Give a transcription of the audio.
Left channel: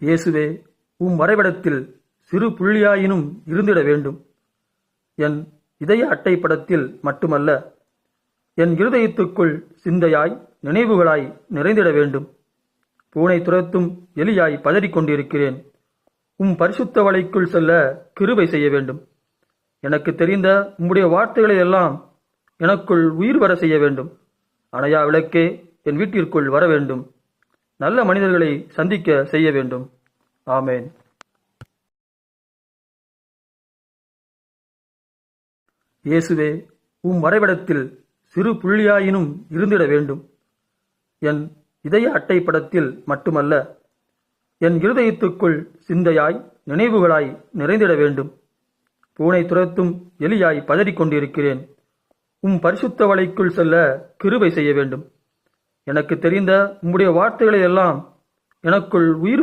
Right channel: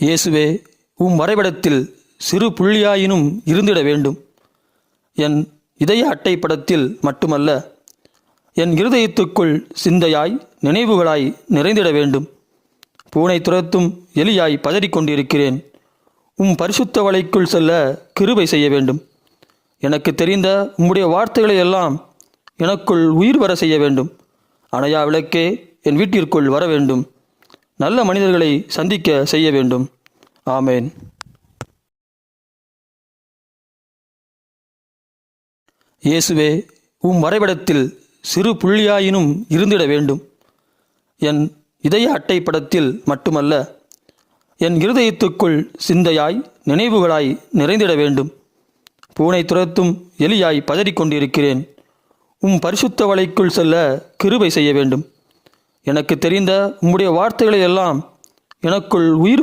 இயேசுவே, உம் வரைபடத்தில் சிறு புள்ளியாயினும் இருந்திட வேண்டும். என் இதய அட்டைப்படத்தில் மட்டுமல்ல, என் இருதயத்துக்குள் சிந்தையாய் நினைவுகளாய் நிறைந்திட வேண்டும். பூனை துரத்தும் எலியாய் பதறிக்கொண்டிருக்கிறேன். உம் பரிசுத்த வலைக்குள் செல்ல கிருபை செய்ய வேண்டும். எனக்கு தெரிந்த உம்முடைய வார்த்தைகளை எல்லாம் எனக்குள் உயிர் வர செய்ய வேண்டும். அணையா விளக்கே என் வீட்டிற்குள் வர வேண்டும். நல்ல மனிதர்களை சந்திக்க செய்ய வேண்டும். ஆமேன். இயேசுவே, உம் வரைபடத்தில் சிறு புள்ளியாயினும் இருந்திட வேண்டும். என் இதய அட்டைப்படத்தில் மட்டுமல்ல, என் இருதயத்துக்குள் சிந்தையாய் நினைவுகளாய் நிறைந்திட வேண்டும். பூனை துரத்தும் எலியாய் பதறிக்கொண்டிருக்கிறேன். உம் பரிசுத்த வலைக்குள் செல்ல கிருபை செய்ய வேண்டும். எனக்கு தெரிந்த உம்முடைய வார்த்தைகளை எல்லாம் எனக்குள் உயிர்